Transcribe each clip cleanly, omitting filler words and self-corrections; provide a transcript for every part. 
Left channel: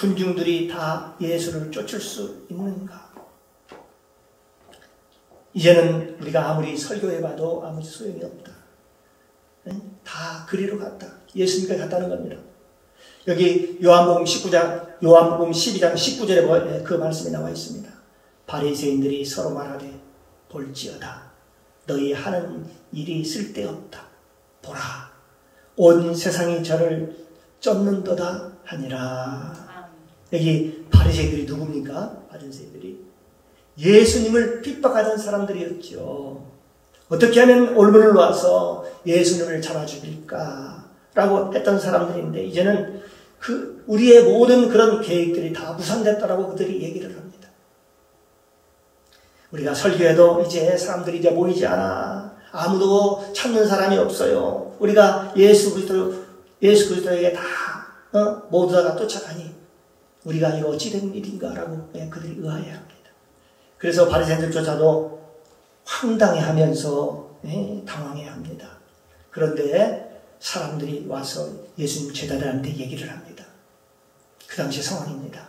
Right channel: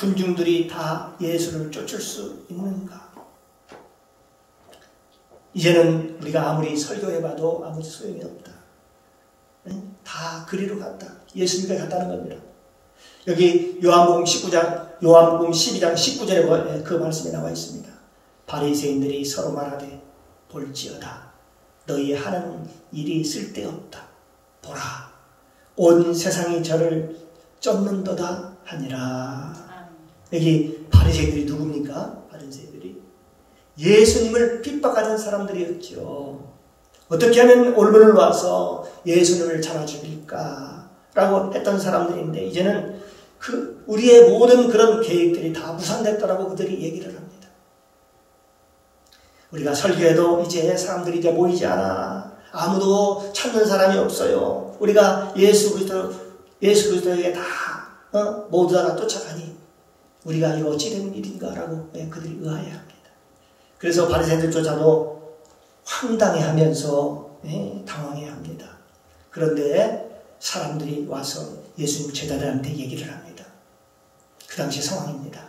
군중들이 다 예수를 쫓을 수 있는가? 이제는 우리가 아무리 설교해봐도 아무 소용이 없다. 다 그리로 갔다. 예수님께 갔다는 겁니다. 여기 요한복음 12장 19절에 그 말씀이 나와 있습니다. 바리새인들이 서로 말하되 볼지어다. 너희 하는 일이 쓸데없다. 보라. 온 세상이 저를 쫓는도다 하니라. 여기 바리새인들이 누굽니까? 바리새인들이 예수님을 핍박하던 사람들이었죠. 어떻게 하면 올문을 놓아서 예수님을 잡아 죽일까? 라고 했던 사람들인데 이제는 우리의 모든 그런 계획들이 다 무산됐다라고 그들이 얘기를 합니다. 우리가 설교해도 이제 사람들이 이제 모이지 않아. 아무도 찾는 사람이 없어요. 우리가 예수 그리스도에게 다 모두 다 쫓아가니 우리가 이거 어찌된 일인가라고 그들이 의아해합니다. 그래서 바리새인들조차도 황당해하면서 당황해합니다. 그런데 사람들이 와서 예수님 제자들한테 얘기를 합니다. 그 당시 상황입니다.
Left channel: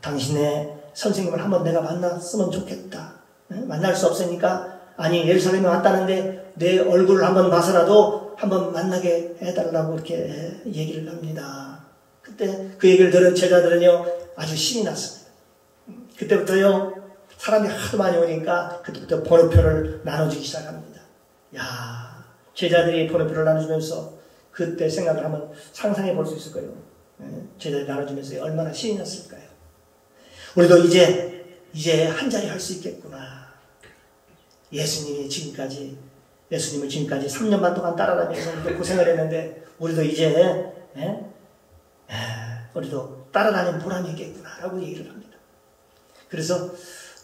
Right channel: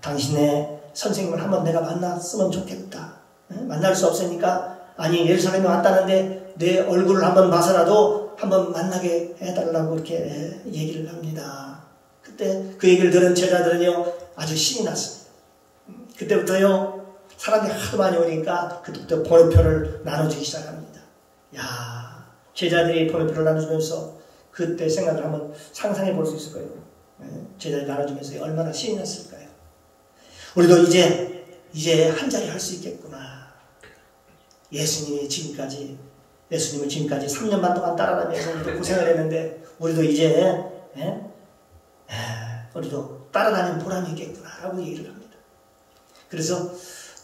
당신의 선생님을 한번 내가 만났으면 좋겠다. 만날 수 없으니까 아니 예루살렘에 왔다는데 내 얼굴을 한번 봐서라도 한번 만나게 해달라고 이렇게 얘기를 합니다. 그때 그 얘기를 들은 제자들은요 아주 신이 났습니다. 그때부터요 사람이 하도 많이 오니까 그때부터 번호표를 나눠주기 시작합니다. 야, 제자들이 번호표를 나눠주면서 그때 생각을 한번 상상해 볼 수 있을 거예요. 제자들이 나눠주면서 얼마나 신이 났을까요? 우리도 이제 한 자리 할 수 있겠구나. 예수님을 지금까지 3년 반 동안 따라다니면서 우리도 고생을 했는데 우리도 이제 우리도 따라다니는 보람이 있겠구나라고 얘기를 합니다. 그래서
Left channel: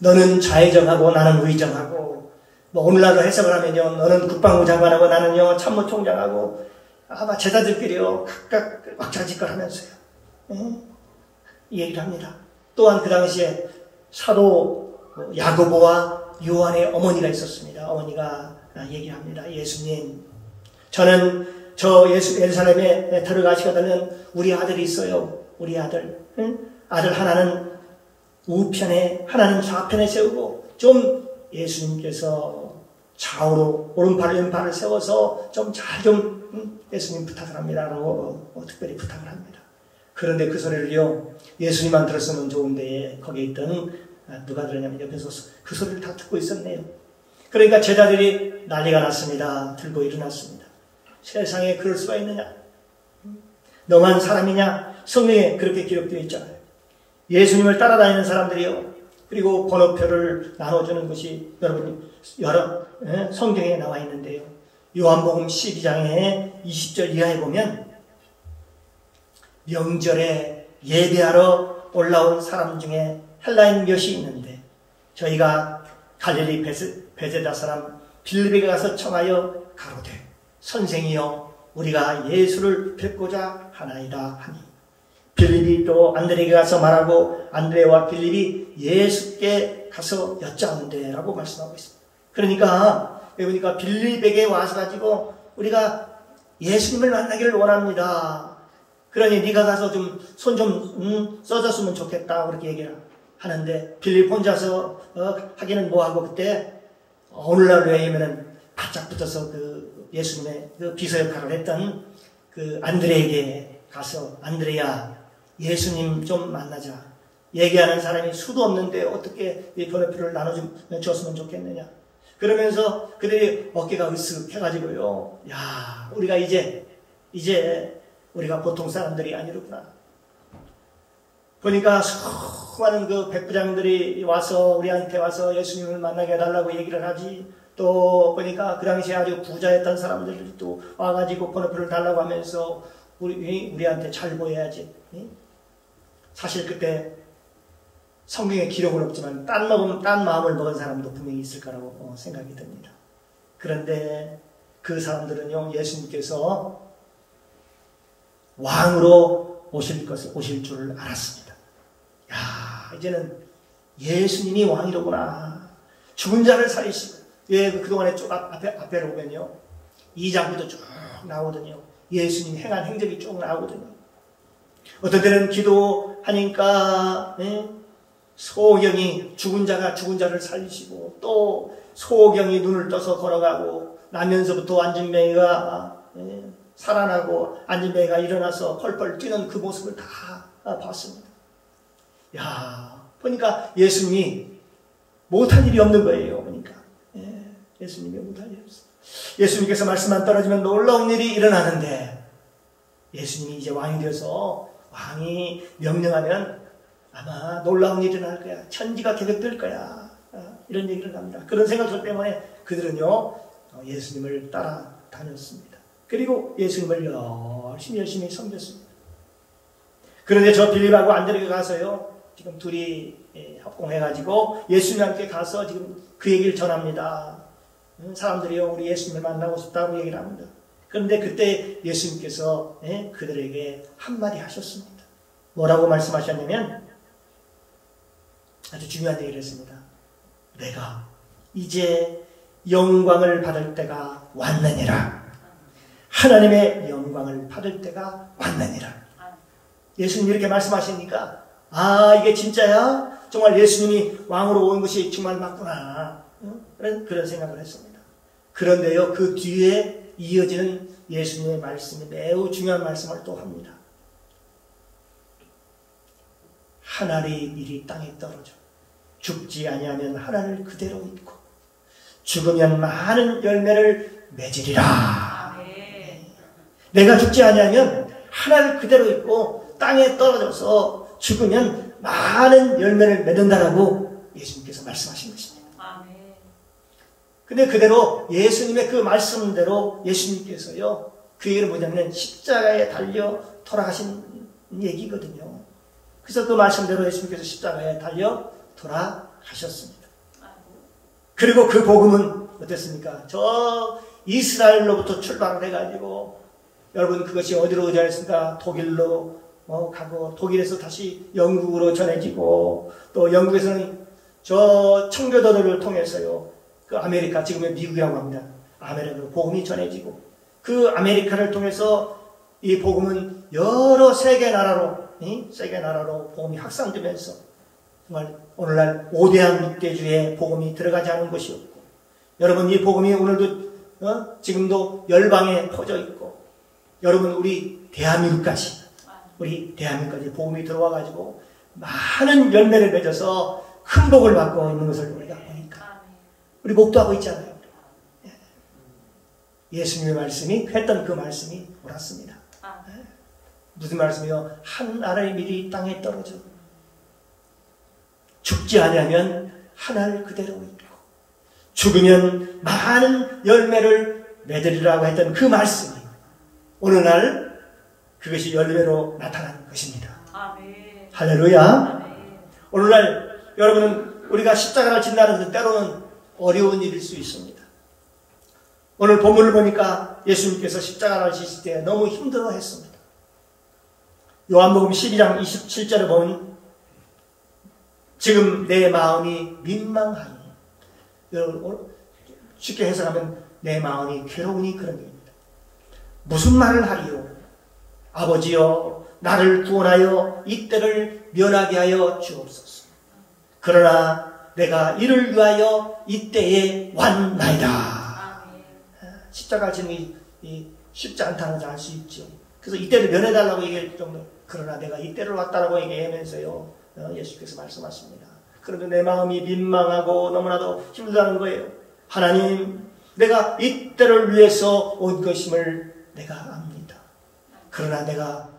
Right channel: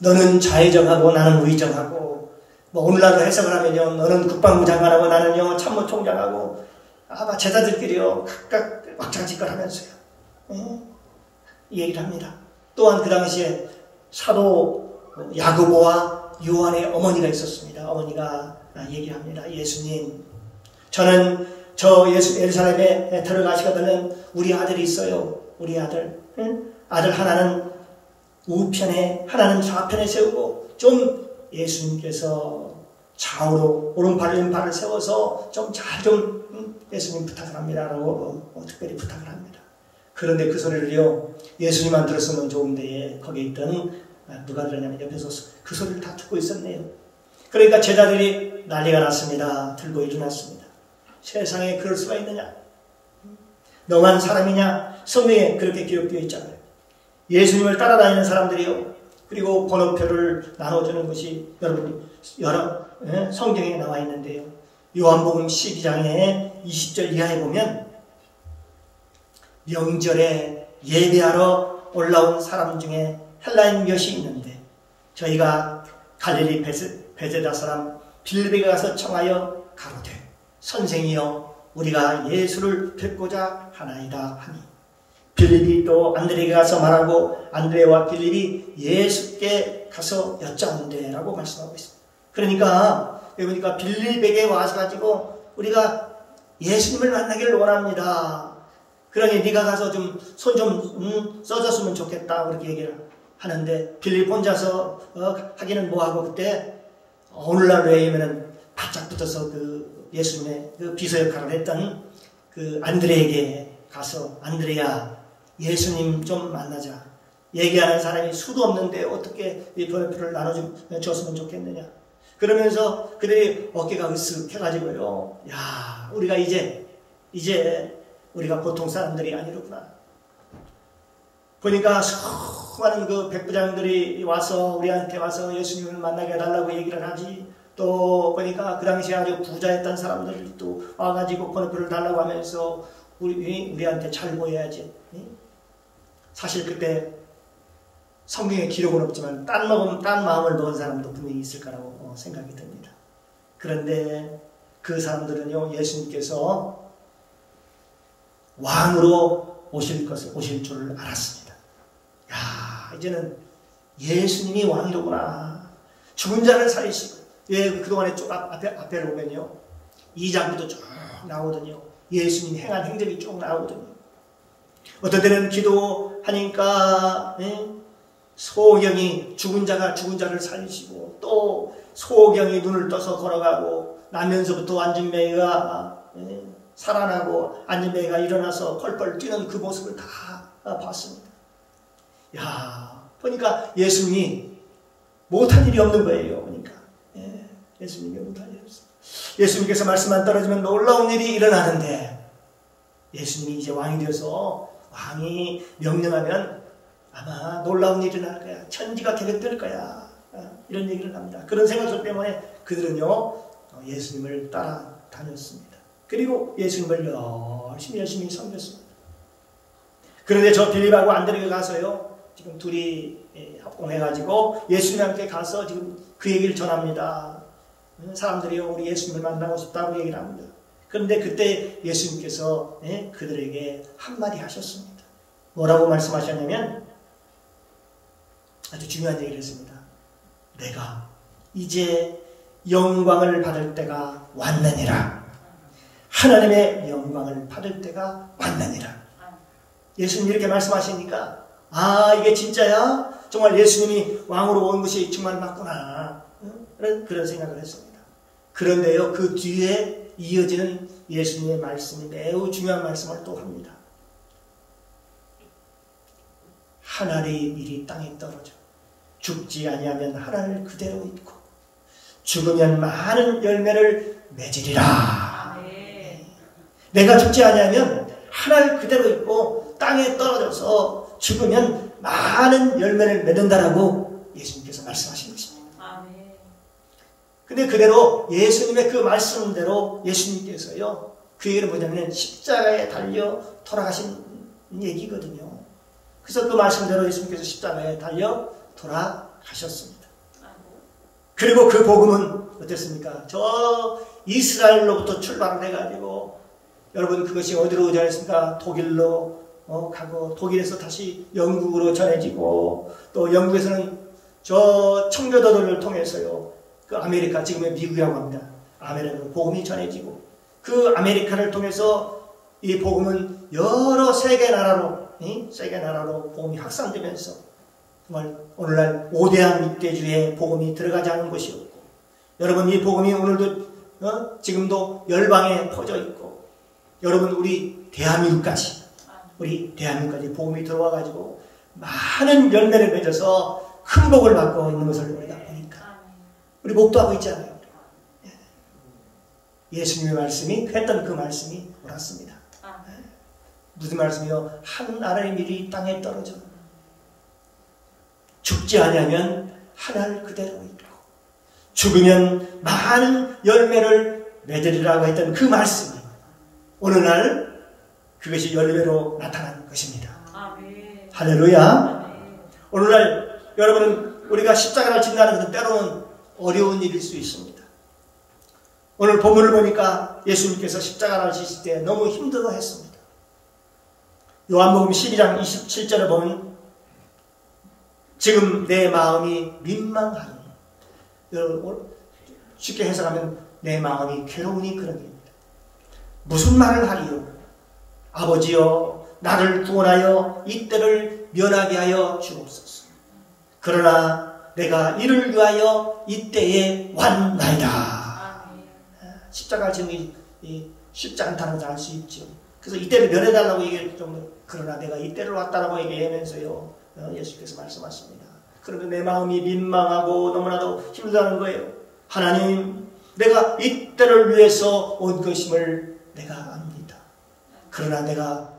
너는 좌의정하고 나는 우의정하고 오늘날로 해석을 하면요 너는 국방부 장관하고 나는요 참모총장하고 아마 제자들끼리요 각각 왁자지껄하면서요 얘기를 합니다. 또한 그 당시에 사도 야고보와 요한의 어머니가 있었습니다. 어머니가 얘기를 합니다. 예수님, 저는 예루살렘에 들어가시거든 우리 아들이 있어요. 우리 아들. 아들 하나는 우편에 하나는 좌편에 세우고 좀 예수님께서 좌우로 오른팔 왼팔을 세워서 좀 잘 좀 예수님 부탁을 합니다라고 특별히 부탁을 합니다. 그런데 그 소리를요 예수님만 들었으면 좋은데 거기에 있던 누가 들었냐면 옆에서 그 소리를 다 듣고 있었네요. 그러니까 제자들이 난리가 났습니다. 들고 일어났습니다. 세상에 그럴 수가 있느냐? 너만 사람이냐? 성경에 그렇게 기록되어 있잖아요. 예수님을 따라다니는 사람들이요. 그리고 번호표를 나눠주는 것이 여러 성경에 나와 있는데요. 요한복음 12장에 20절 이하에 보면 명절에 예배하러 올라온 사람 중에 헬라인 몇이 있는데 저희가 갈릴리 베세다 사람 빌립에게 가서 청하여 가로되 선생이여 우리가 예수를 뵙고자 하나이다 하니 빌립이 또 안드레에게 가서 말하고 안드레와 빌립이 예수께 가서 여짜온대 라고 말씀하고 있습니다. 그러니까 여기 보니까 빌립에게 와서가지고 우리가 예수님을 만나기를 원합니다. 그러니 네가 가서 좀 손 좀 써줬으면 좋겠다 그렇게 얘기를 하는데 빌립 혼자서 하기는 뭐하고 그때 오늘날 왜냐면은 바짝 붙어서 그 예수님의 그 비서 역할을 했던 그 안드레에게 가서 안드레야 예수님 좀 만나자. 얘기하는 사람이 수도 없는데 어떻게 이 번호표를 나눠줬으면 좋겠느냐. 그러면서 그들이 어깨가 으쓱해가지고요. 야, 우리가 이제 우리가 보통 사람들이 아니로구나. 보니까 수많은 그 백부장들이 와서 우리한테 와서 예수님을 만나게 해달라고 얘기를 하지. 또 보니까 그 당시에 아주 부자였던 사람들이 또 와가지고 번호표를 달라고 하면서 우리한테 잘 보여야지. 사실 그때 성경에 기록은 없지만 딴 마음을 먹은 사람도 분명히 있을 거라고 생각이 듭니다. 그런데 그 사람들은요 예수님께서 왕으로 오실 줄 알았습니다. 야, 이제는 예수님이 왕이로구나. 죽은 자를 살리시고 그동안에 쭉 앞에를 보면요 2장부터 쭉 나오더니요 예수님이 행한 행적이 쭉 나오더니 어떤 때는 기도하니까 소경이 죽은 자를 살리시고, 또 소경이 눈을 떠서 걸어가고, 나면서부터 안진뱅이가 살아나고 안진뱅이가 일어나서 펄펄 뛰는 그 모습을 다 봤습니다. 야, 보니까 예수님이 못할 일이 없는 거예요. 보니까 예수님이 못할 일이 없어요. 예수님께서 말씀만 떨어지면 놀라운 일이 일어나는데, 예수님이 이제 왕이 되어서 왕이 명령하면 아마 놀라운 일이 일어날 거야. 천지가 개벽될 거야. 이런 얘기를 합니다. 그런 생각들 때문에 그들은요, 예수님을 따라다녔습니다. 그리고 예수님을 열심히 섬겼습니다. 그런데 저 빌립하고 안드레가 가서요, 지금 둘이 합공해가지고 예수님과 함께 가서 지금 그 얘기를 전합니다. 사람들이요, 우리 예수님을 만나고 싶다고 얘기를 합니다. 그런데 그때 예수님께서 그들에게 한마디 하셨습니다. 뭐라고 말씀하셨냐면 아주 중요한 얘기를 했습니다. 내가 이제 영광을 받을 때가 왔느니라. 하나님의 영광을 받을 때가 왔느니라. 예수님이 이렇게 말씀하시니까, 아, 이게 진짜야? 정말 예수님이 왕으로 온 것이 정말 맞구나. 그런 생각을 했습니다. 그런데요, 그 뒤에 이어지는 예수님의 말씀이 매우 중요한 말씀을 또 합니다. 하늘이 미리 땅에 떨어져 죽지 아니하면 하늘을 그대로 있고 죽으면 많은 열매를 맺으리라. 내가 죽지 아니하면 하늘 그대로 있고 땅에 떨어져서 죽으면 많은 열매를 맺는다라고 예수님께서 말씀하신 것입니다. 근데 그대로 예수님의 그 말씀대로 예수님께서요, 그 얘기를 뭐냐면 십자가에 달려 돌아가신 얘기거든요. 그래서 그 말씀대로 예수님께서 십자가에 달려 돌아가셨습니다. 그리고 그 복음은 어땠습니까? 저 이스라엘로부터 출발을 해가지고, 여러분 그것이 어디로 전했습니까? 독일로 가고, 독일에서 다시 영국으로 전해지고, 또 영국에서는 저 청교도들을 통해서요, 그 아메리카, 지금의 미국이라고 합니다. 아메리카로 복음이 전해지고, 그 아메리카를 통해서 이 복음은 여러 세계 나라로 복음이 확산되면서 정말 오늘날 5대한 육대주의 복음이 들어가지 않은 것이 없고, 여러분 이 복음이 오늘도 지금도 열방에 퍼져 있고, 여러분 우리 대한민국까지 복음이 들어와가지고 많은 열매를 맺어서 큰 복을 받고 있는 것을 우리가 보니까 우리 목도하고 있잖아요. 예수님의 말씀이 했던 그 말씀이 옳았습니다. 무슨 말씀이요? 한 알의 밀이 땅에 떨어져 죽지 아니하면 하늘 그대로 있고 죽으면 많은 열매를 맺으리라고 했던 그 말씀이 오늘날 그것이 열매로 나타난 것입니다. 아멘. 할렐루야. 아멘. 오늘날 여러분은 우리가 십자가를 진다는 것은 때로는 어려운 일일 수 있습니다. 오늘 본문을 보니까 예수님께서 십자가를 지실 때 너무 힘들어했습니다. 요한복음 12장 27절을 보면 지금 내 마음이 민망하니, 여러분 쉽게 해석하면 내 마음이 괴로우니 그런 얘기입니다. 무슨 말을 하리요? 아버지여 나를 구원하여 이때를 면하게 하여 주옵소서. 그러나 내가 이를 위하여 이때에 왔나이다. 십자가 지는 쉽지 않다는 걸 알 수 있죠. 그래서 이때를 면해달라고 얘기할 정도, 그러나 내가 이때를 왔다라고 얘기하면서요, 예수께서 말씀하십니다. 그러면 내 마음이 민망하고 너무나도 힘들다는 거예요. 하나님, 내가 이때를 위해서 온 것임을 내가 압니다. 그러나 내가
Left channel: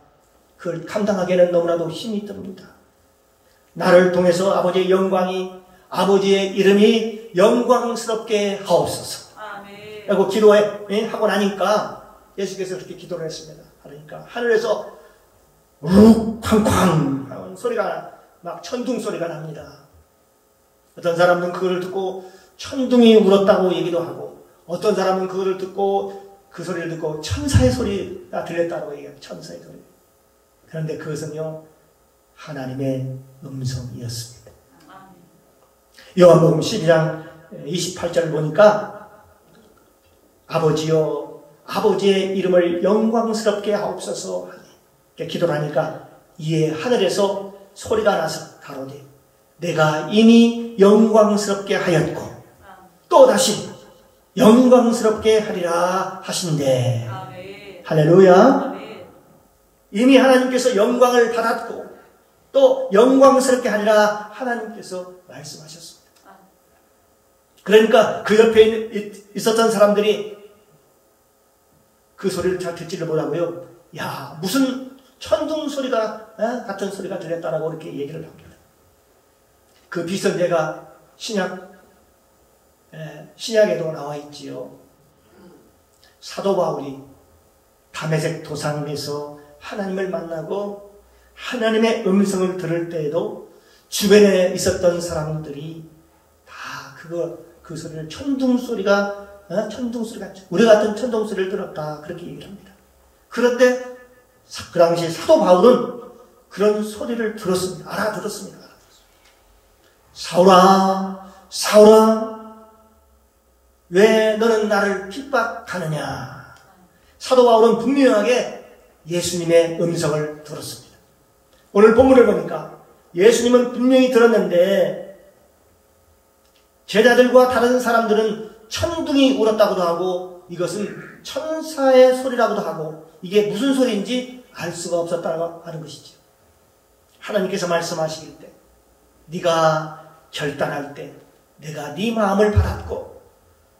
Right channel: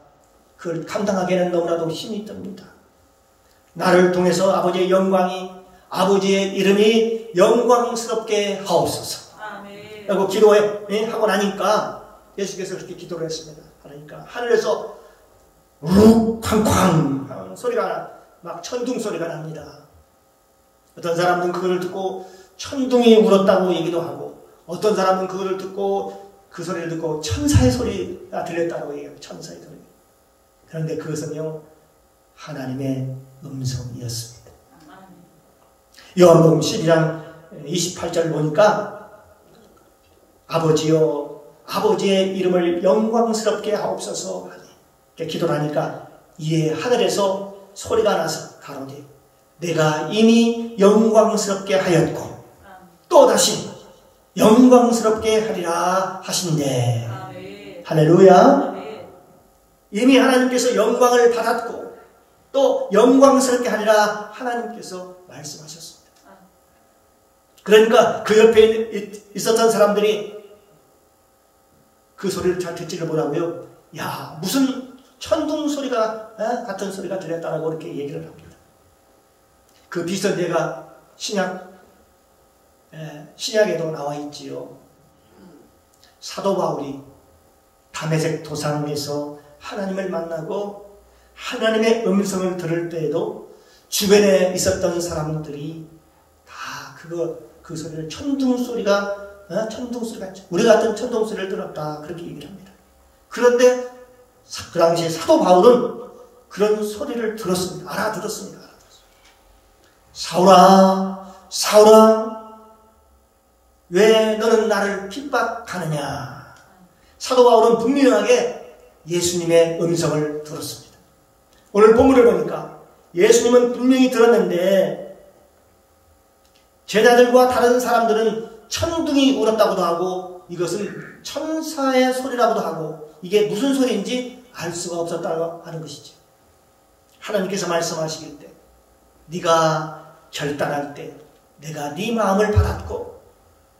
그걸 감당하기에는 너무나도 힘이 듭니다. 나를 통해서 아버지의 영광이, 아버지의 이름이 영광스럽게 하옵소서. 그리고 기도하고 나니까 예수께서 그렇게 기도를 했습니다. 그러니까 하늘에서 욱쾅쾅 하는 소리가, 막 천둥 소리가 납니다. 어떤 사람은 그거를 듣고 천둥이 울었다고 얘기도 하고, 어떤 사람은 그거를 듣고, 그 소리를 듣고 천사의 소리가 들렸다고 얘기해요. 천사의 소리. 그런데 그것은요, 하나님의 음성이었습니다. 요한복음 12장 28절을 보니까 아버지여 아버지의 이름을 영광스럽게 하옵소서 하니, 기도를 하니까 이에 하늘에서 소리가 나서 가로되 내가 이미 영광스럽게 하였고 또다시 영광스럽게 하리라 하신대. 할렐루야. 이미 하나님께서 영광을 받았고 또 영광스럽게 하리라 하나님께서 말씀하셨습니다. 그러니까 그 옆에 있었던 사람들이 그 소리를 잘 듣지를 못하고요. 야, 무슨 천둥 소리가 같은 소리가 들렸다라고 이렇게 얘기를 합니다. 그 비슷한 예가 신약에도 나와 있지요. 사도 바울이 다메섹 도상에서 하나님을 만나고 하나님의 음성을 들을 때에도 주변에 있었던 사람들이 다 그 소리를 천둥 소리가 우리 같은 천둥 소리를 들었다 그렇게 얘기를 합니다. 그런데 그 당시에 사도 바울은 그런 소리를 들었습니다. 알아들었습니다. 사울아, 사울아, 왜 너는 나를 핍박하느냐? 사도 바울은 분명하게 예수님의 음성을 들었습니다. 오늘 본문을 보니까 예수님은 분명히 들었는데 제자들과 다른 사람들은 천둥이 울었다고도 하고 이것은 천사의 소리라고도 하고 이게 무슨 소리인지 알 수가 없었다고 하는 것이죠. 하나님께서 말씀하시길 때 네가 결단할 때 내가 네 마음을 받았고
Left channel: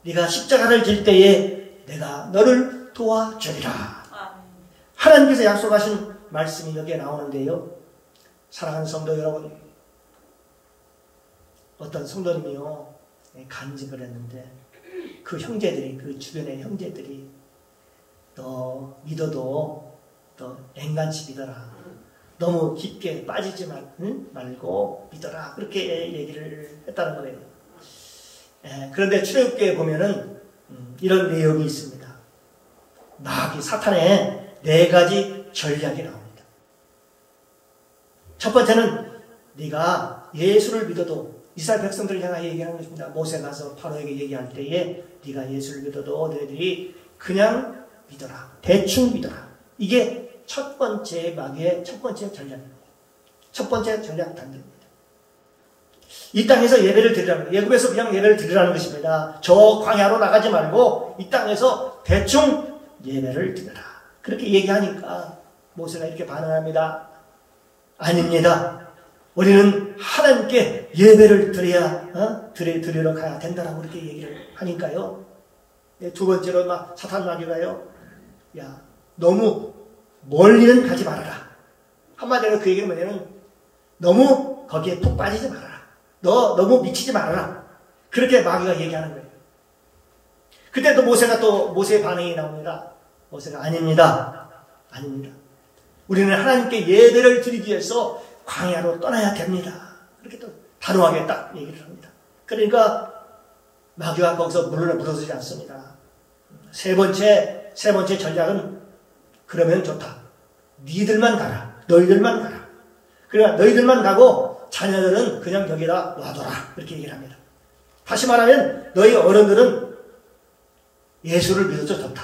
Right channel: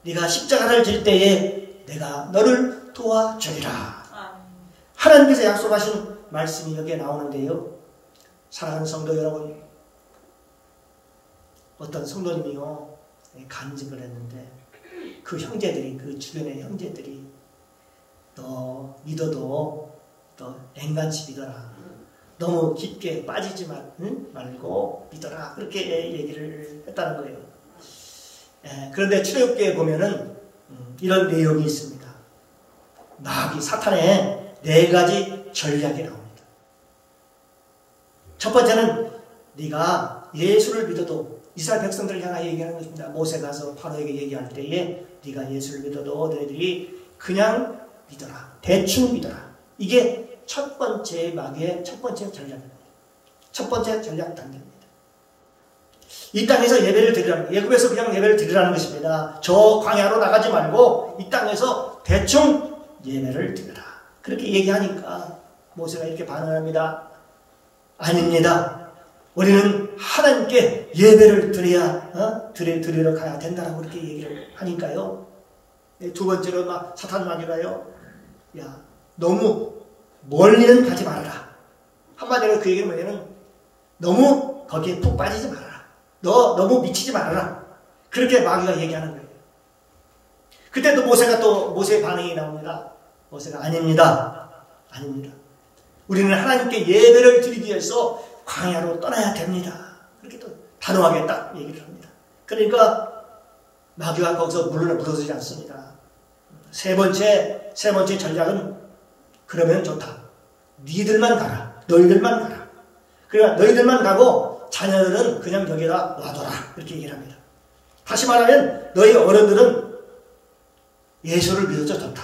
네가 십자가를 질 때에 내가 너를 도와주리라. 하나님께서 약속하신 말씀이 여기에 나오는데요. 사랑하는 성도 여러분, 어떤 성도님이요 간증을 했는데 그 형제들이, 그 주변의 형제들이 너 믿어도 너 앵간치 믿어라. 너무 깊게 빠지지 말고 믿어라. 그렇게 얘기를 했다는 거예요. 그런데 출애굽기에 보면은 이런 내용이 있습니다. 마귀 사탄의 4가지 전략이 나옵니다. 첫 번째는 네가 예수를 믿어도 이스라엘 백성들을 향하여 얘기하는 것입니다. 모세가 가서 파로에게 얘기할 때에 네가 예수를 믿어도 너희들이 그냥 믿어라. 대충 믿어라. 이게 첫 번째 마귀의 첫 번째 전략입니다. 첫 번째 전략 단계입니다. 이 땅에서 예배를 드리라는, 예국에서 그냥 예배를 드리라는 것입니다. 저 광야로 나가지 말고 이 땅에서 대충 예배를 드려라. 그렇게 얘기하니까 모세가 이렇게 반응합니다. 아닙니다. 우리는 하나님께 예배를 드리러 가야 된다라고 그렇게 얘기를 하니까요. 두 번째로 사탄 마귀가요. 야, 너무 멀리는 가지 말아라. 한마디로 그 얘기는 뭐냐면 너무 거기에 푹 빠지지 말아라. 너 너무 미치지 말아라. 그렇게 마귀가 얘기하는 거예요. 그때 또 모세의 반응이 나옵니다. 모세가 아닙니다. 아닙니다. 우리는 하나님께 예배를 드리기 위해서 광야로 떠나야 됩니다. 그렇게 또 단호하게 딱 얘기를 합니다. 그러니까 마귀가 거기서 물러서지 않습니다. 세 번째 전략은 그러면 좋다. 니들만 가라. 너희들만 가라. 그러니까 너희들만 가고 자녀들은 그냥 여기다 놔둬라. 이렇게 얘기를 합니다. 다시 말하면 너희 어른들은 예수를 믿어도 좋다.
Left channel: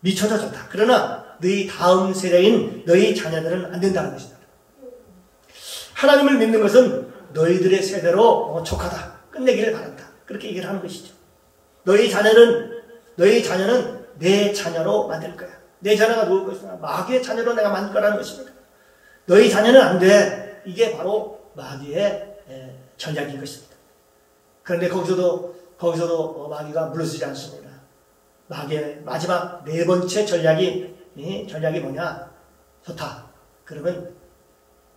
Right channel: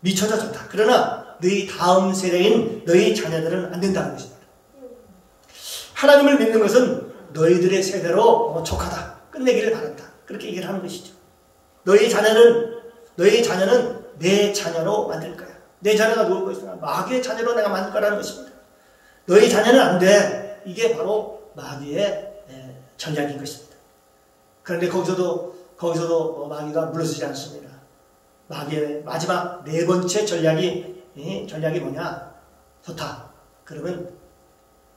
미쳐도 좋다. 그러나 너희 다음 세대인 너희 자녀들은 안 된다는 것입니다. 하나님을 믿는 것은 너희들의 세대로 족하다. 끝내기를 바란다. 그렇게 얘기를 하는 것이죠. 너희 자녀는 내 자녀로 만들 거야. 내 자녀가 누울 것이냐? 마귀의 자녀로 내가 만들 거라는 것입니다. 너희 자녀는 안 돼. 이게 바로 마귀의 전략인 것입니다. 그런데 거기서도 마귀가 물러서지 않습니다. 마귀의 마지막 4번째 전략이 뭐냐? 좋다. 그러면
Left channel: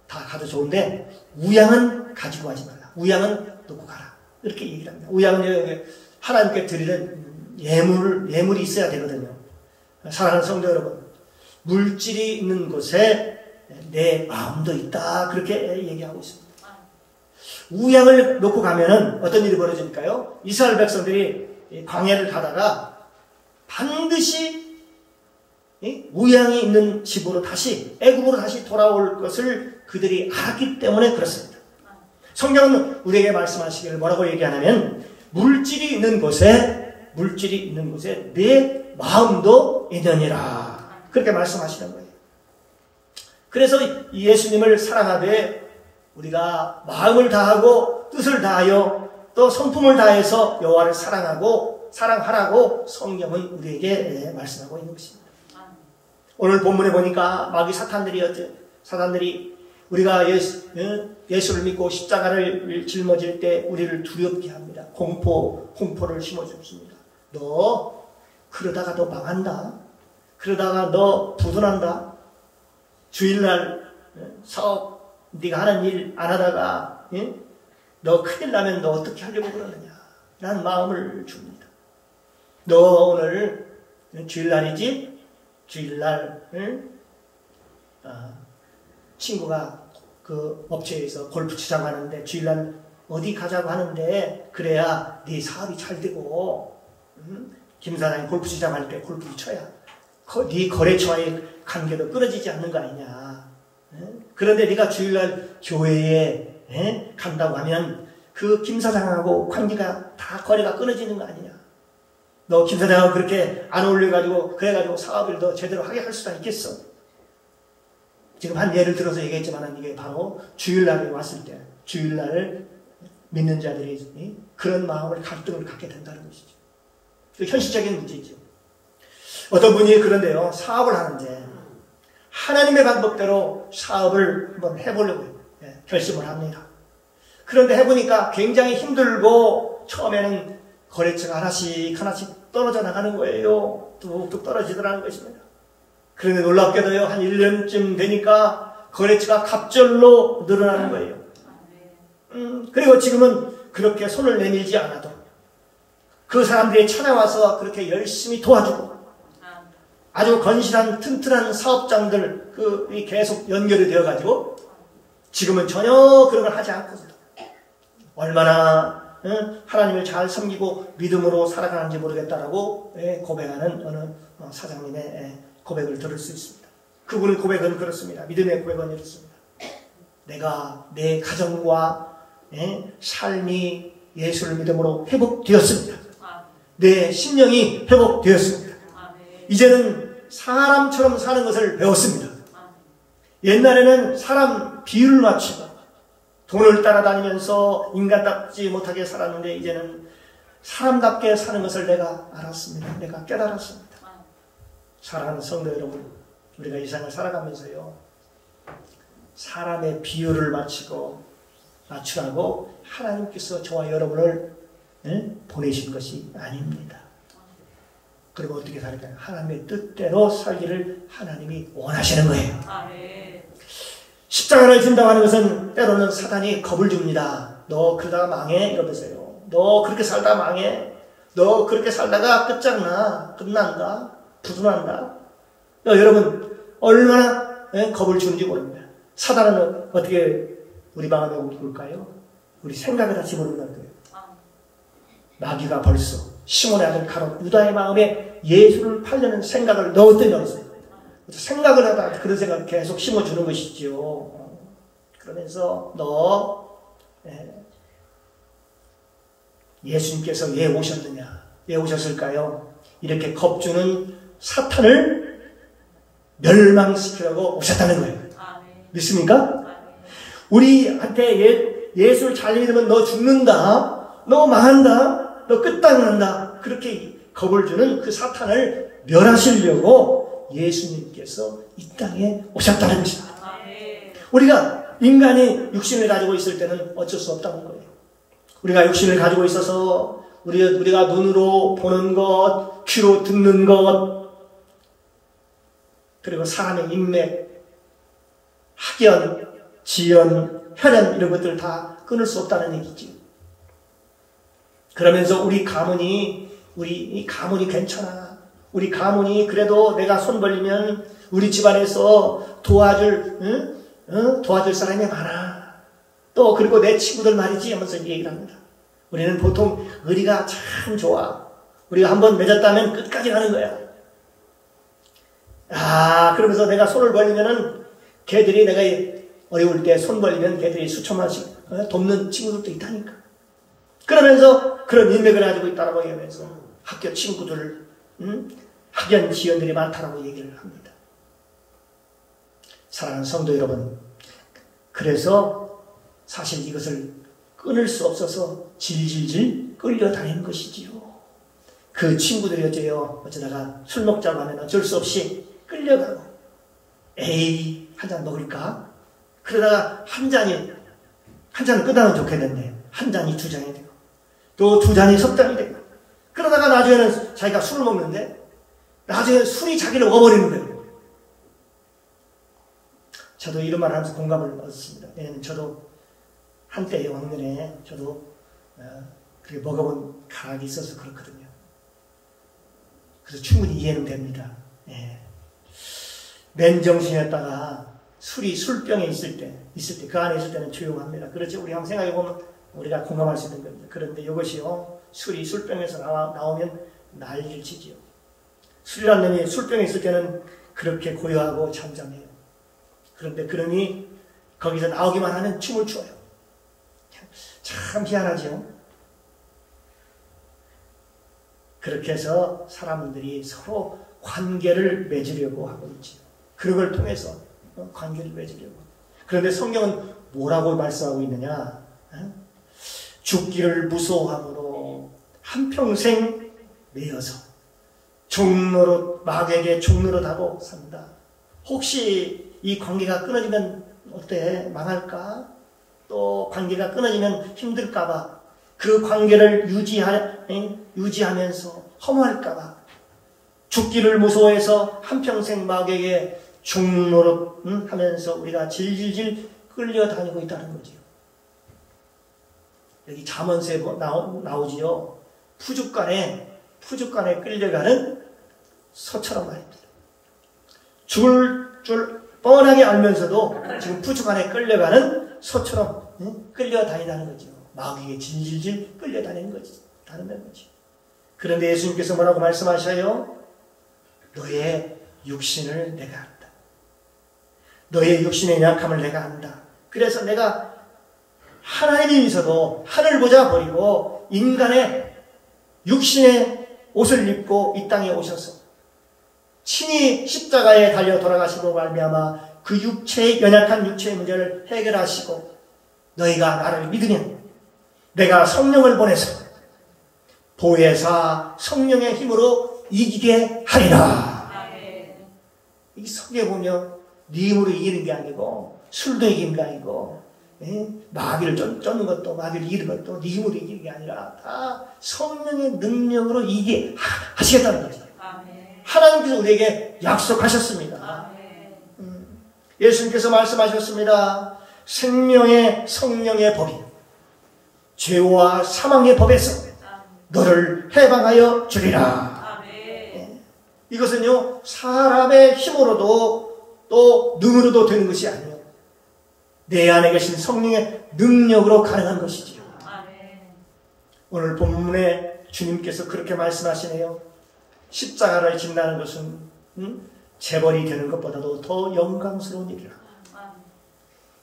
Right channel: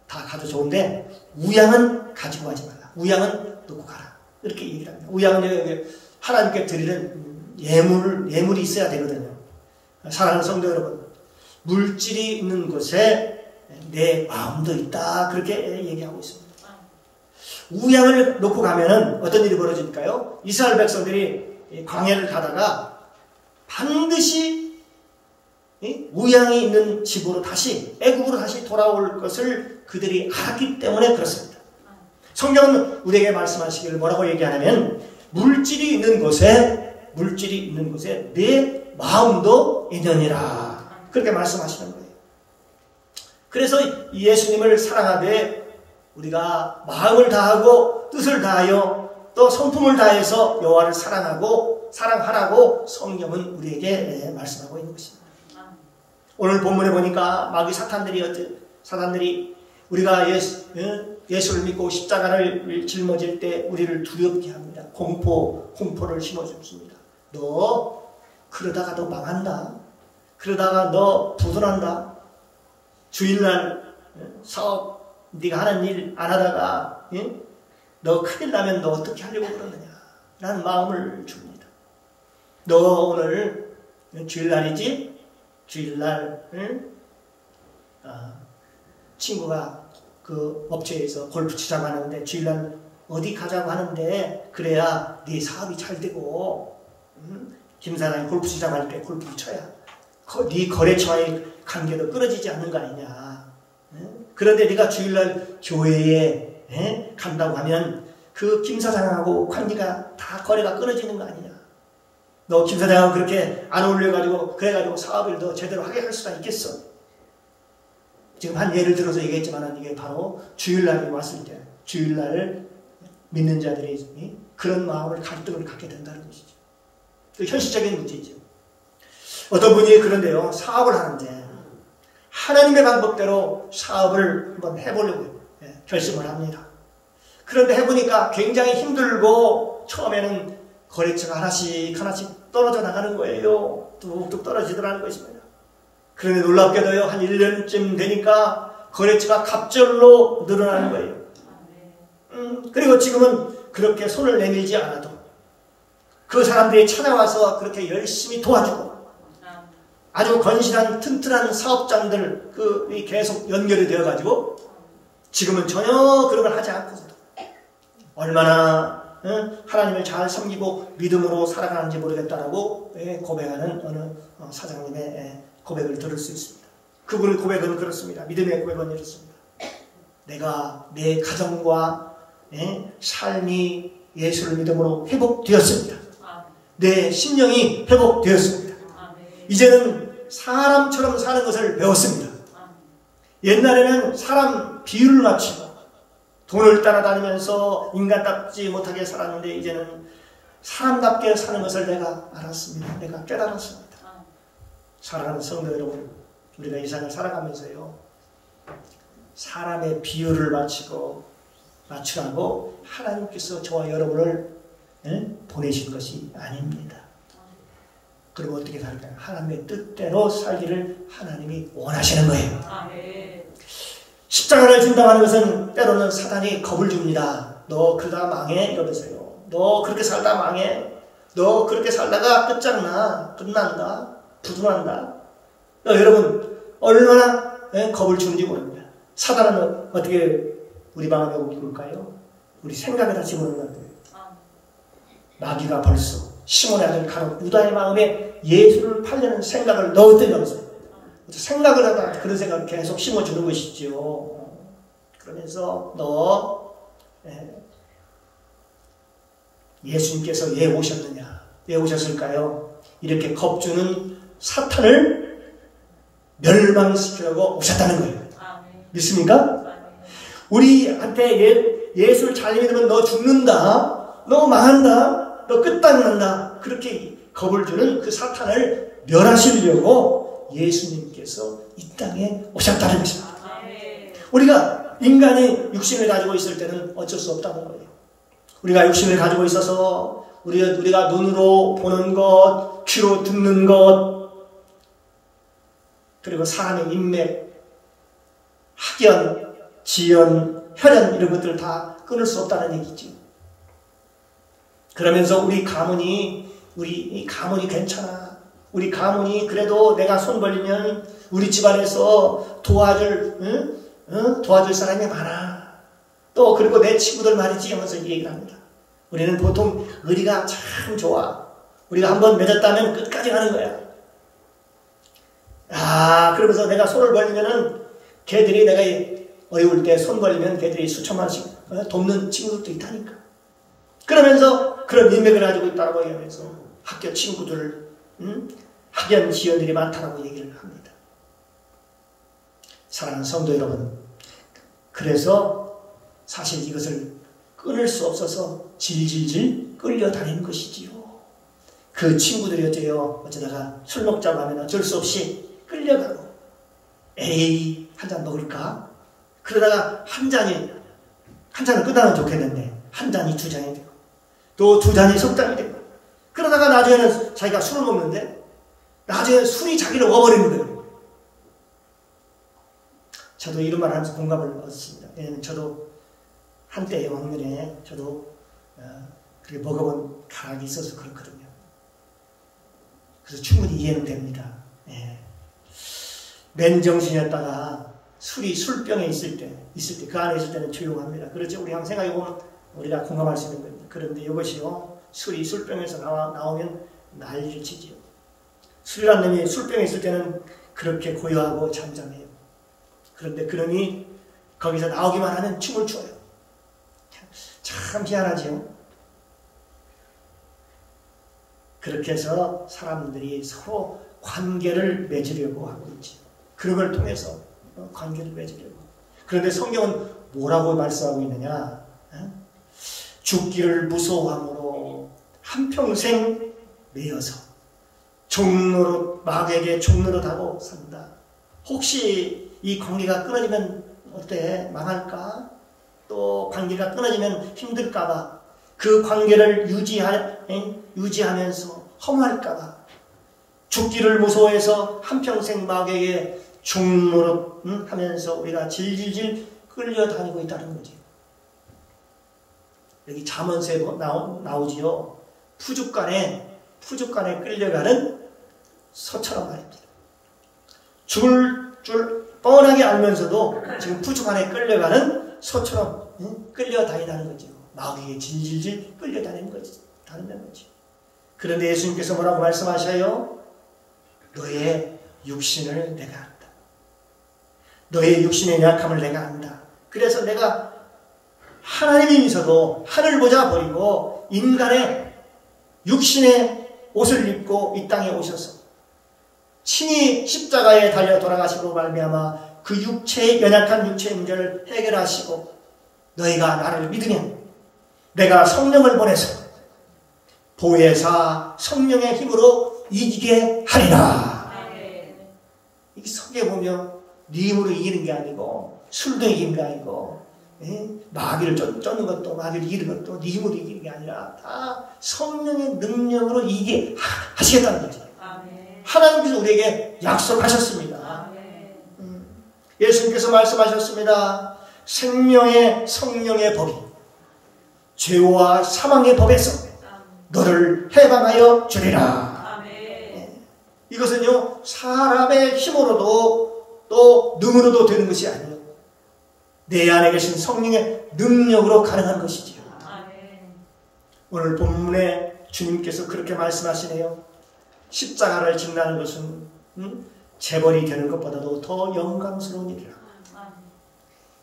다 가도 좋은데 우양은 가지고 가지 말라. 우양은 놓고 가라. 이렇게 얘기를 합니다. 우양은 하나님께 드리는 예물이 있어야 되거든요. 사랑하는 성도 여러분, 물질이 있는 곳에 내 마음도 있다. 그렇게 얘기하고 있습니다. 우양을 놓고 가면은 어떤 일이 벌어질까요? 이스라엘 백성들이 광야를 가다가 반드시 우양이 있는 집으로 다시 애국으로 다시 돌아올 것을 그들이 알았기 때문에 그렇습니다. 성경은 우리에게 말씀하시기를 뭐라고 얘기하냐면 물질이 있는 곳에 내 마음도 있느니라. 그렇게 말씀하시는 거예요. 그래서 예수님을 사랑하되 우리가 마음을 다하고 뜻을 다하여 또 성품을 다해서 여호와를 사랑하라고 성경은 우리에게 말씀하고 있는 것입니다. 오늘 본문에 보니까 마귀 사단들이 우리가 예수를 믿고 십자가를 짊어질 때 우리를 두렵게 합니다. 공포를 심어줍니다. 너 그러다가 너 망한다. 그러다가 너 부도난다. 주일날 사업 네가 하는 일 안 하다가 너 큰일 나면 너 어떻게 하려고 그러느냐 라는 마음을 줍니다. 너 오늘 주일날이지? 주일날 친구가 그 업체에서 골프 치자고 하는데 주일날 어디 가자고 하는데 그래야 네 사업이 잘 되고 김 사장이 골프 치자고 할 때 골프를 쳐야 네 거래처와의 관계도 끊어지지 않는 거 아니냐. 그런데 네가 주일날 교회에 간다고 하면 그 김 사장하고 관계가 다 거래가 끊어지는 거 아니냐. 너 김 사장하고 그렇게 안 어울려가지고 그래가지고 사업을 더 제대로 하게 할 수가 있겠어. 지금 한 예를 들어서 얘기했지만 이게 바로 주일날이 왔을 때 주일날 믿는 자들이 그런 마음을 갈등을 갖게 된다는 것이죠. 그 현실적인 문제죠. 어떤 분이 그런데요, 사업을 하는데 하나님의 방법대로 사업을 한번 해보려고 결심을 합니다. 그런데 해보니까 굉장히 힘들고 처음에는 거래처가 하나씩 떨어져 나가는 거예요. 뚝뚝 떨어지더라는 것입니다. 그런데 놀랍게도요, 한 1년쯤 되니까 거래처가 갑절로 늘어나는 거예요. 그리고 지금은 그렇게 손을 내밀지 않아도 그 사람들이 찾아와서 그렇게 열심히 도와주고 아주 건실한 튼튼한 사업장들 계속 연결이 되어가지고 지금은 전혀 그런 걸 하지 않고 얼마나 하나님을 잘 섬기고 믿음으로 살아가는지 모르겠다라고 고백하는 어느 사장님의 고백을 들을 수 있습니다. 그분의 고백은 그렇습니다. 믿음의 고백은 이렇습니다. 내가 내 가정과 삶이 예수를 믿음으로 회복되었습니다. 내 심령이 회복되었습니다. 이제는 사람처럼 사는 것을 배웠습니다. 옛날에는 사람 비율을 맞추고 돈을 따라다니면서 인간답지 못하게 살았는데 이제는 사람답게 사는 것을 내가 알았습니다. 내가 깨달았습니다. 사랑하는 성도 여러분, 우리가 이 세상을 살아가면서요, 사람의 비율을 맞추라고 하나님께서 저와 여러분을 보내신 것이 아닙니다. 그리고 어떻게 살까요? 하나님의 뜻대로 살기를 하나님이 원하시는 거예요. 십자가를 준다고 하는 것은 때로는 사단이 겁을 줍니다. 너 그러다가 망해 이러면서요. 너 그렇게 살다 망해. 너 그렇게 살다가 끝난다. 부도난다. 여러분 얼마나 겁을 주는지 모릅니다. 사단은 어떻게 우리 마음에 올까요? 우리 생각을 다 집어넣는다고요. 마귀가 벌써 시몬의 아들 가룟 유다의 마음에 예수를 팔려는 생각을 넣었어요. 생각을 하다가 그런 생각을 계속 심어주는 것이죠. 그러면서 예수님께서 왜 오셨느냐? 왜 오셨을까요? 이렇게 겁주는 사탄을 멸망시키려고 오셨다는 거예요. 믿습니까? 우리한테 예수를 잘 믿으면 너 죽는다, 너 망한다, 너 끝장이 난다, 그렇게 겁을 주는 그 사탄을 멸하시려고 예수님께서 이 땅에 오셨다는 것입니다. 우리가 인간이 육신을 가지고 있을 때는 어쩔 수 없다는 거예요. 우리가 육신을 가지고 있어서 우리가 눈으로 보는 것, 귀로 듣는 것, 그리고 사람의 인맥, 학연, 지연, 혈연 이런 것들을 다 끊을 수 없다는 얘기지. 그러면서 우리 가문이 괜찮아. 우리 가문이 그래도 내가 손 벌리면 우리 집안에서 도와줄 사람이 많아. 또 그리고 내 친구들 말이지 하면서 얘기를 합니다. 우리는 보통 의리가 참 좋아. 우리가 한번 맺었다면 끝까지 가는 거야. 그러면서 내가 손을 벌리면은 걔들이 내가 어려울 때 손 벌리면 걔들이 수천만 원씩 돕는 친구들도 있다니까. 그러면서 그런 인맥을 가지고 있다고 얘기하면서 학교 친구들, 학연 지연들이 많다고 얘기를 합니다. 사랑하는 성도 여러분, 그래서 사실 이것을 끊을 수 없어서 질질질 끌려다니는 것이지요. 그 친구들이 어쩌다가 술 먹자고 하면 어쩔 수 없이 끌려가고, 에이, 한 잔 먹을까? 그러다가 한 잔은 끝나면 좋겠는데, 한 잔이 두 잔이 되고, 또 두 잔이 석 잔이 되고, 그러다가 나중에는 자기가 술을 먹는데, 나중에 술이 자기를 먹어버리는 거예요. 저도 이런 말 하면서 공감을 얻었습니다. 왜냐하면 저도 한때 왕년에 저도 그렇게 먹어본 가락이 있어서 그렇거든요. 그래서 충분히 이해는 됩니다. 예. 맨정신이었다가 술이 술병에 있을 때 그 안에 있을 때는 조용합니다. 그렇죠? 우리 한번 생각해보면 우리가 공감할 수 있는 겁니다. 그런데 이것이요, 술이 술병에서 나오면 난리를 치지요. 술이라는 놈이 술병에 있을 때는 그렇게 고요하고 잠잠해요. 그런데 그놈이 거기서 나오기만 하면 춤을 춰요. 참 희한하지요. 그렇게 해서 사람들이 서로 관계를 맺으려고 하고 있지요. 그런 걸 통해서 관계를 맺으려고. 그런데 성경은 뭐라고 말씀하고 있느냐? 죽기를 무서워함으로 한평생 매여서 마귀에게 종노릇하고 산다. 혹시 이 관계가 끊어지면 어때? 망할까? 또 관계가 끊어지면 힘들까봐, 그 관계를 유지하면서 허무할까봐 죽기를 무서워해서 한평생 마귀에게 종노릇 하면서 우리가 질질질 끌려다니고 있다는 거지. 여기 잠언서에 나오지요. 푸죽간에 끌려가는 소처럼 말입니다. 죽을 줄 뻔하게 알면서도 지금 푸죽간에 끌려가는 소처럼 끌려다닌다는 거죠. 마귀에게 질질질 끌려다니는 거지. 그런데 예수님께서 뭐라고 말씀하셔요? 너의 육신을 내가 안다. 너의 육신의 약함을 내가 안다. 그래서 내가 하나님이면서도 하늘 보자 버리고 인간의 육신의 옷을 입고 이 땅에 오셔서 친히 십자가에 달려 돌아가시고 말미암아 그 연약한 육체의 문제를 해결하시고, 너희가 나를 믿으면 내가 성령을 보내서 보혜사 성령의 힘으로 이기게 하리라. 이 성경에 보면 네 힘으로 이기는 게 아니고, 술도 이기는 게 아니고, 마귀를 쫓는 것도, 마귀를 이기는 것도 네 힘으로 이기는 게 아니라 다 성령의 능력으로 이기게 하시겠다는 거죠. 하나님께서 우리에게 약속하셨습니다. 예수님께서 말씀하셨습니다. 생명의 성령의 법이 죄와 사망의 법에서 너를 해방하여 주리라. 이것은요, 사람의 힘으로도 또 능으로도 되는 것이 아니에요. 내 안에 계신 성령의 능력으로 가능한 것이지요. 오늘 본문에 주님께서 그렇게 말씀하시네요. 십자가를 진다는 것은 재벌이 되는 것보다도 더 영광스러운 일이라.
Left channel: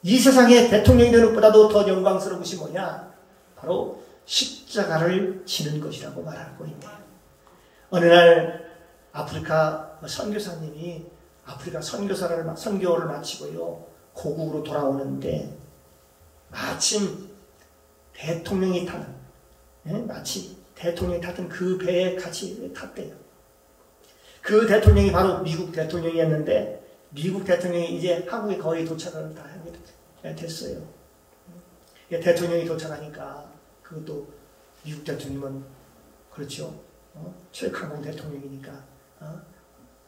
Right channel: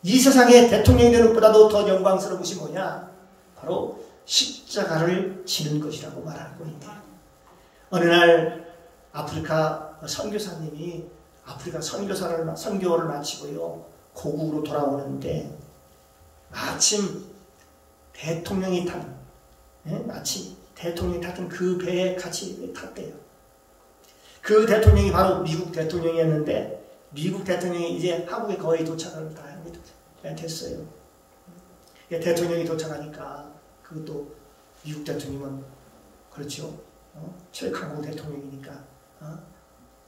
이 세상의 대통령이 되는 것보다도 더 영광스러운 것이 뭐냐? 바로 십자가를 지는 것이라고 말하고 있네요. 어느 날 아프리카 선교사님이 아프리카 선교를 마치고요, 고국으로 돌아오는데 마침 대통령이 타는, 마치 대통령이 탔던 그 배에 같이 탔대요. 그 대통령이 바로 미국 대통령이었는데, 미국 대통령이 이제 한국에 거의 도착을 다 하게 됐어요. 대통령이 도착하니까 그것도 미국 대통령은 그렇죠. 최강호 대통령이니까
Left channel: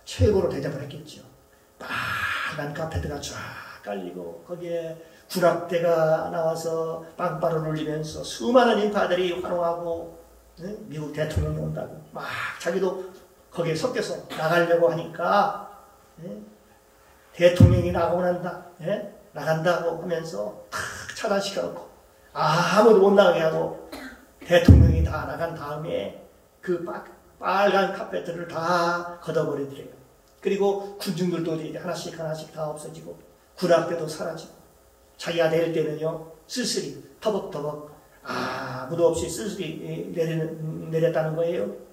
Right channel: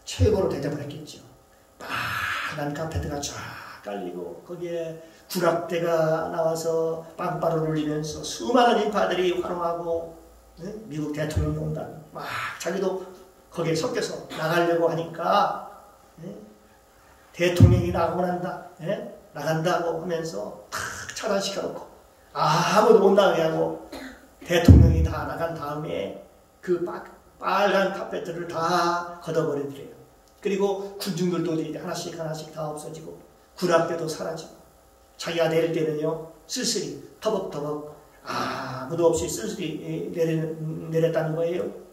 최고로 대접을 했겠죠. 빠른 카페트가 쫙 깔리고 거기에 구락대가 나와서 빵빠를 울리면서 수많은 인파들이 환호하고, 미국 대통령이 온다고 막 자기도 거기에 섞여서 나가려고 하니까, 대통령이 나가고 난다, 나간다고 하면서 탁 차단시켜놓고 아무도 못 나가게 하고, 대통령이 다 나간 다음에 그 빨간 카페트를 다 걷어버리더래요. 그리고 군중들도 이제 하나씩 다 없어지고 군악대도 사라지고, 자기가 내릴 때는요 쓸쓸히 터벅터벅 아무도 없이 쓸쓸히 내렸다는 거예요.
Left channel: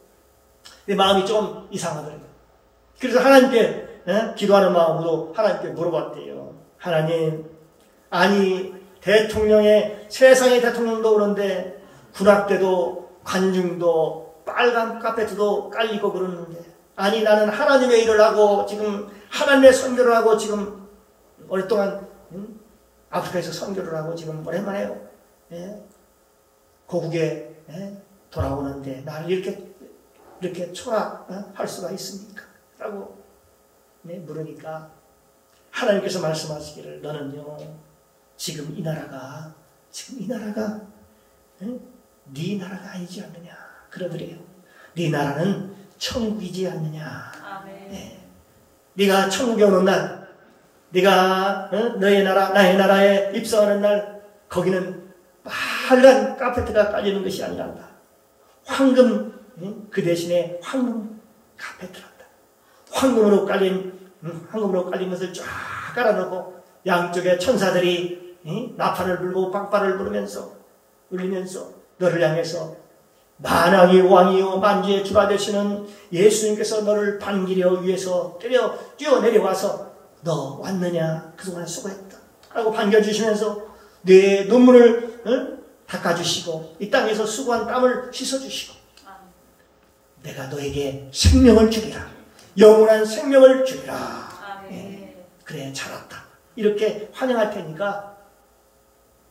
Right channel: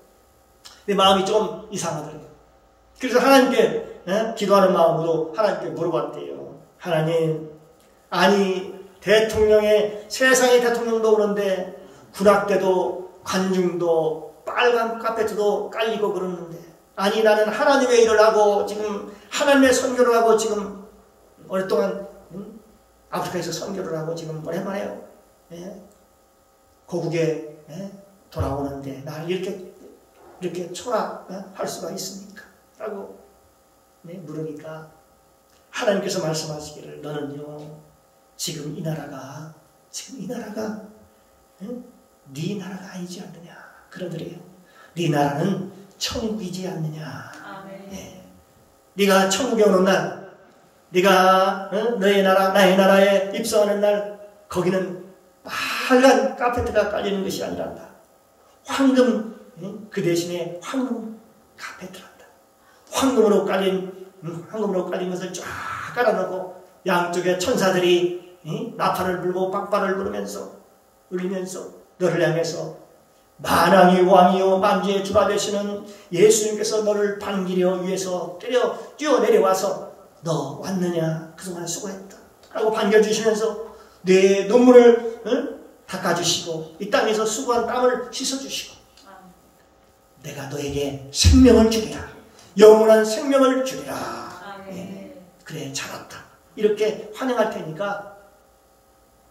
근데 마음이 좀 이상하더래요. 그래서 하나님께 기도하는 마음으로 하나님께 물어봤대요. 하나님, 아니 대통령의 세상의 대통령도 그런데 군악대도 관중도 빨간 카페트도 깔리고 그러는데, 아니 나는 하나님의 일을 하고 지금 하나님의 선교를 하고 지금 오랫동안 아프리카에서 선교를 하고 지금 오랜만에 고국에 돌아오는데 나를 이렇게 초라할 수가 있습니까? 라고 물으니까 하나님께서 말씀하시기를, 너는요 지금 이 나라가 네 나라가 아니지 않느냐 그러더래요. 네 나라는 천국이지 않느냐. 네가 천국에 오는 날, 네가 너의 나라 나의 나라에 입성하는 날, 거기는 빨간 카페트가 깔리는 것이 아니란다. 황금, 그 대신에 황금 카페트란다. 황금으로 깔린 것을 쫙 깔아놓고 양쪽에 천사들이 나팔을 불고 빵빠를 울리면서 너를 향해서 만왕의 왕이요 만주의 주가 되시는 예수님께서 너를 반기려 위해서 뛰어내려와서 너 왔느냐, 그동안 수고했다 라고 반겨주시면서 내 눈물을 닦아주시고 이 땅에서 수고한 땀을 씻어주시고 내가 너에게 생명을 주리라, 영원한 생명을 주리라. 그래 잘왔다 이렇게 환영할 테니까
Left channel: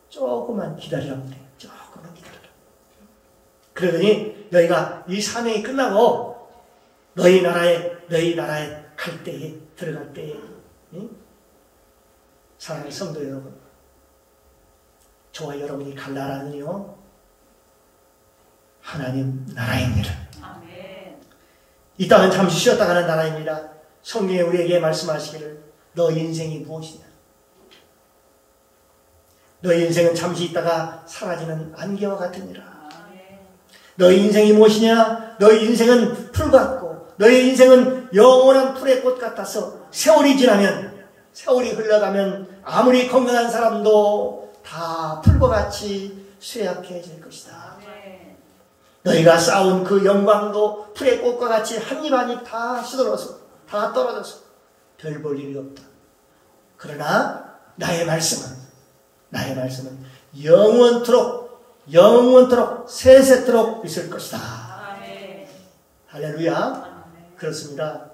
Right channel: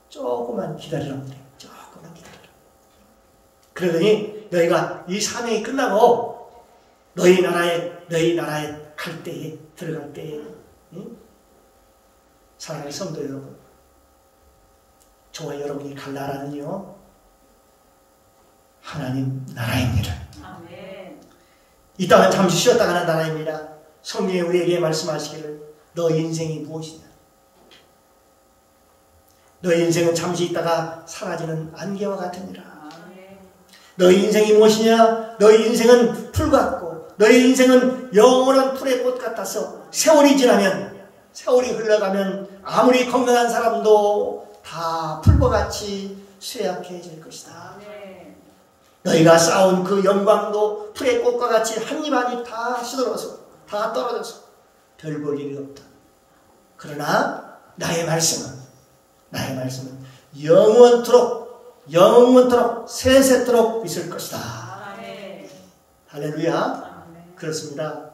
조금만 기다리라고 그래요. 조금만 기다리라. 그러더니 너희가 이 사명이 끝나고 너희 나라에 갈 때에, 들어갈 때에, 사랑하는 성도 여러분, 저와 여러분이 갈 나라는요 하나님 나라입니다. 이 땅은 잠시 쉬었다 가는 나라입니다. 성경에 우리에게 말씀하시기를 너 인생이 무엇이냐, 너의 인생은 잠시 있다가 사라지는 안개와 같으니라. 너의 인생이 무엇이냐, 너의 인생은 풀 같고 너의 인생은 영원한 풀의 꽃 같아서 세월이 지나면, 세월이 흘러가면 아무리 건강한 사람도 다 풀과 같이 쇠약해질 것이다. 너희가 쌓은 그 영광도 풀의 꽃과 같이 한 입 한 입 다 시들어서 다 떨어져서 별 볼 일이 없다. 그러나 나의 말씀은 영원토록 세세토록 있을 것이다. 할렐루야. 그렇습니다.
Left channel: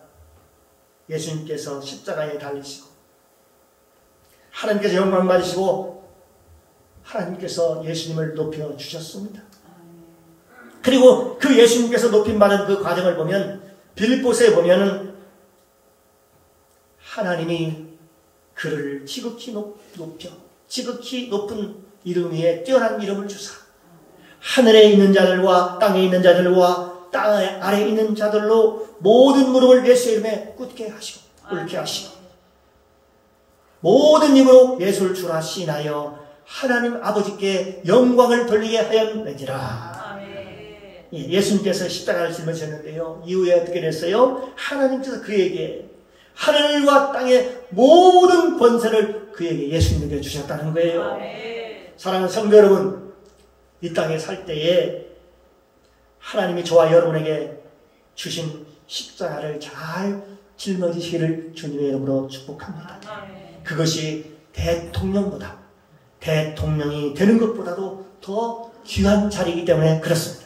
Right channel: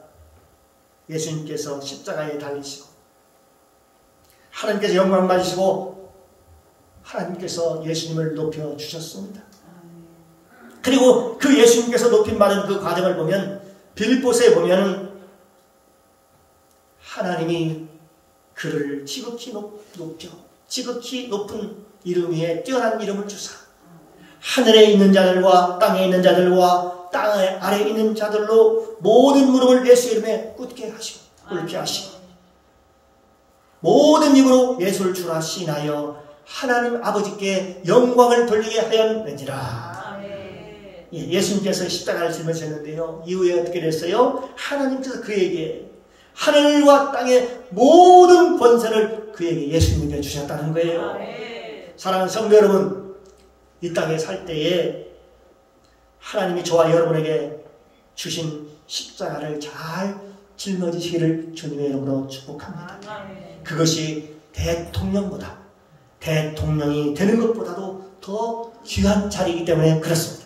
예수님께서 십자가에 달리시고 하나님께서 영광 받으시고 하나님께서 예수님을 높여 주셨습니다. 그리고 그 예수님께서 높임받은 그 과정을 보면, 빌립보서에 보면은 하나님이 그를 지극히 높은 이름 위에 뛰어난 이름을 주사 하늘에 있는 자들과 땅에 있는 자들과 땅 아래에 있는 자들로 모든 무릎을 예수의 이름에 꿇게 하시고 모든 입으로 예수를 주라 시인하여 하나님 아버지께 영광을 돌리게 하였느니라. 예수님께서 십자가를 짊으셨는데요, 이후에 어떻게 됐어요? 하나님께서 그에게 하늘과 땅의 모든 권세를 그에게 예수님에게 주셨다는 거예요. 사랑하는 성도 여러분, 이 땅에 살 때에 하나님이 저와 여러분에게 주신 십자가를 잘 짊어지시기를 주님의 이름으로 축복합니다. 그것이 대통령이 되는 것보다도 더 귀한 자리이기 때문에 그렇습니다.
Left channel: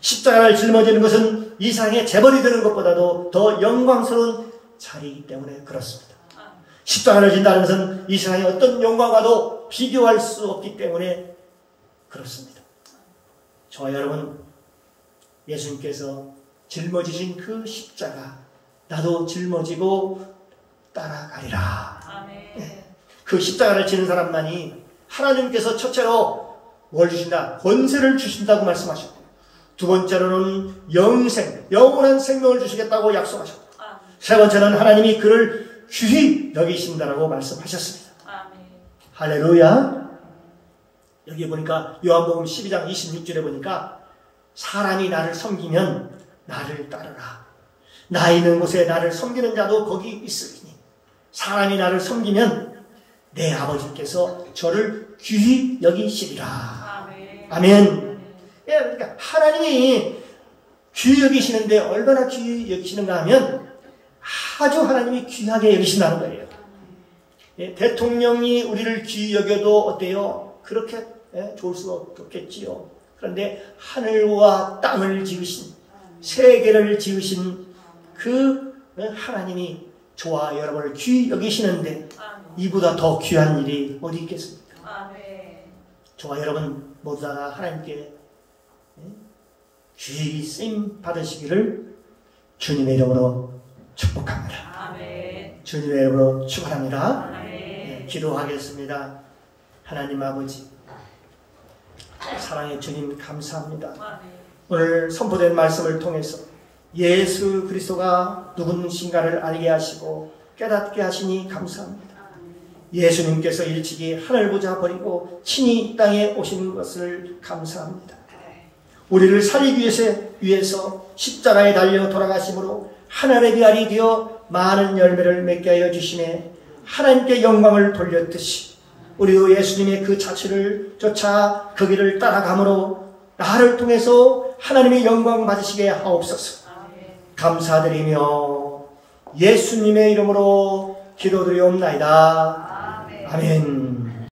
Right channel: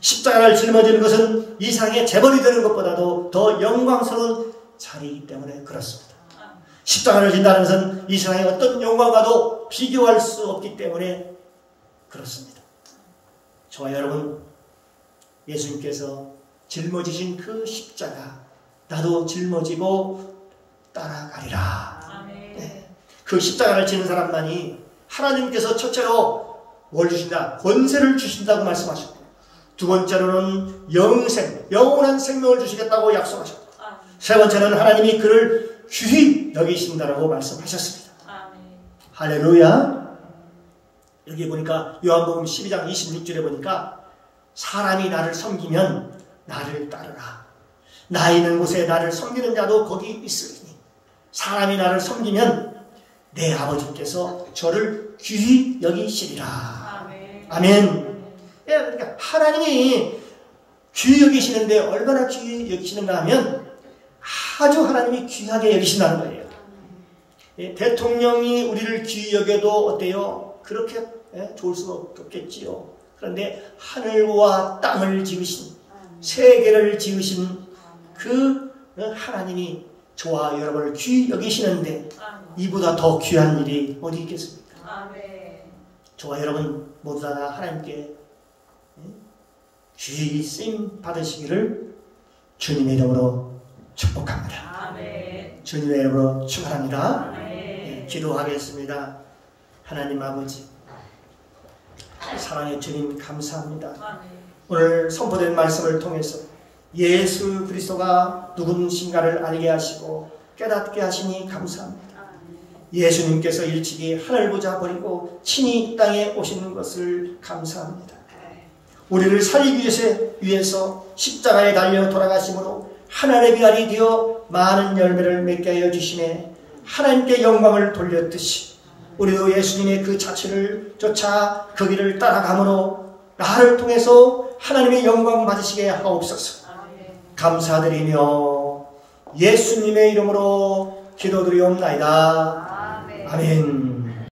십자가를 짊어지는 것은 이 세상의 재벌이 되는 것보다도 더 영광스러운 자리이기 때문에 그렇습니다. 십자가를 진다는 것은 이 세상의 어떤 영광과도 비교할 수 없기 때문에 그렇습니다. 저와 여러분, 예수님께서 짊어지신 그 십자가 나도 짊어지고 따라가리라. 그 십자가를 지는 사람만이 하나님께서 첫째로 뭘 주신다? 권세를 주신다고 말씀하셨고, 두 번째로는 영원한 생명을 주시겠다고 약속하셨고, 세 번째는 하나님이 그를 귀히 여기신다라고 말씀하셨습니다. 할렐루야. 여기 보니까 요한복음 12장 26절에 보니까 사람이 나를 섬기면 나를 따르라. 나 있는 곳에 나를 섬기는 자도 거기 있으리니 사람이 나를 섬기면 내 아버지께서 저를 귀히 여기시리라. 아멘. 그러니까 하나님이 귀히 여기시는데 얼마나 귀히 여기시는가 하면 아주 하나님이 귀하게 여기신다는 거예요. 대통령이 우리를 귀히 여겨도 어때요? 그렇게 좋을 수 없겠지요. 그런데 하늘과 땅을 지으신, 세계를 지으신 그 하나님이 저와 여러분을 귀히 여기시는데 이보다 더 귀한 일이 어디 있겠습니까? 저와 여러분 모두 다 하나님께 귀히 쓰임 받으시기를 주님의 이름으로 축복합니다. 주님의 이름으로 축원합니다. 기도하겠습니다. 하나님 아버지, 사랑의 주님 감사합니다. 오늘 선포된 말씀을 통해서 예수 그리스도가 누구신가를 알게 하시고 깨닫게 하시니 감사합니다. 예수님께서 일찍이 하늘 보자 버리고 친히 이 땅에 오신 것을 감사합니다. 우리를 살리기 위해서 십자가에 달려 돌아가심으로 하나님의 비알이 되어 많은 열매를 맺게 하여 주시네. 하나님께 영광을 돌렸듯이 우리도 예수님의 그 자취를 쫓아 그 길을 따라가므로 나를 통해서 하나님의 영광 받으시게 하옵소서. 감사드리며 예수님의 이름으로 기도드리옵나이다. 아멘.